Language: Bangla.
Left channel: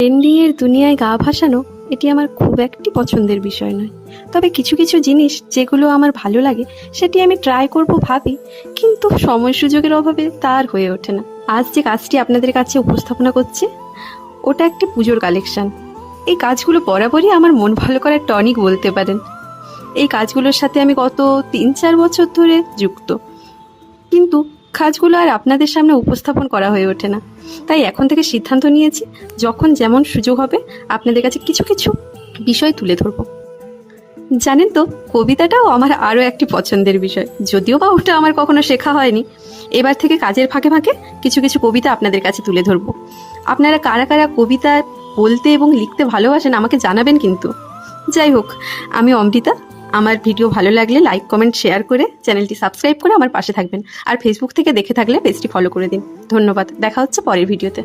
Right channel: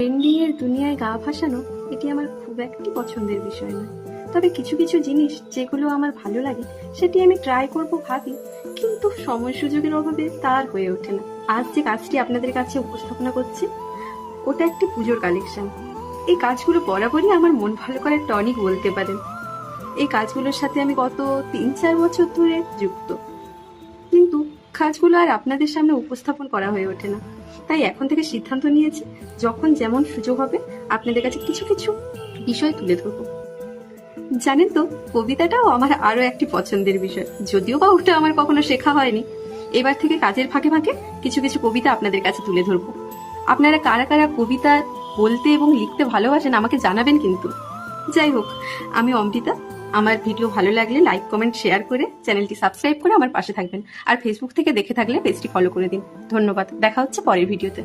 ট্রেন্ডিংয়ের দুনিয়ায় গা ভাসানো এটি আমার খুব একটি পছন্দের বিষয় নয়। তবে কিছু কিছু জিনিস যেগুলো আমার ভালো লাগে সেটি আমি ট্রাই করব ভাবি, কিন্তু সময় সুযোগের অভাবে তার হয়ে ওঠে না। আজ যে কাজটি আপনাদের কাছে উপস্থাপনা করছি ওটা একটি পুজোর কালেকশন। এই কাজগুলো বরাবরই আমার মন ভালো করার টনিক বলতে পারেন। এই কাজগুলোর সাথে আমি গত 3-4 বছর ধরে যুক্ত, কিন্তু কাজগুলো আর আপনাদের সামনে উপস্থাপন করা হয়ে ওঠে না। তাই এখন থেকে সিদ্ধান্ত নিয়েছি, যখন যেমন সুযোগ হবে আপনাদের কাছে কিছু কিছু বিষয় তুলে ধরবো। জানেন তো, কবিতাটাও আমার আরও একটি পছন্দের বিষয়, যদিও বা ওটা আমার কখনো শেখা হয়নি। এবার থেকে কাজের ফাঁকে ফাঁকে কিছু কিছু কবিতা আপনাদের কাছে তুলে ধরবো। আপনারা কারা কারা কবিতা বলতে এবং লিখতে ভালোবাসেন আমাকে জানাবেন কিন্তু। যাই হোক, আমি অমৃতা। আমার ভিডিও ভালো লাগলে লাইক, কমেন্ট, শেয়ার করে চ্যানেলটি সাবস্ক্রাইব করে আমার পাশে থাকবেন। আর ফেসবুক থেকে দেখে থাকলে পেজটি ফলো করে দিন। ধন্যবাদ। দেখা হচ্ছে পরের ভিডিওতে।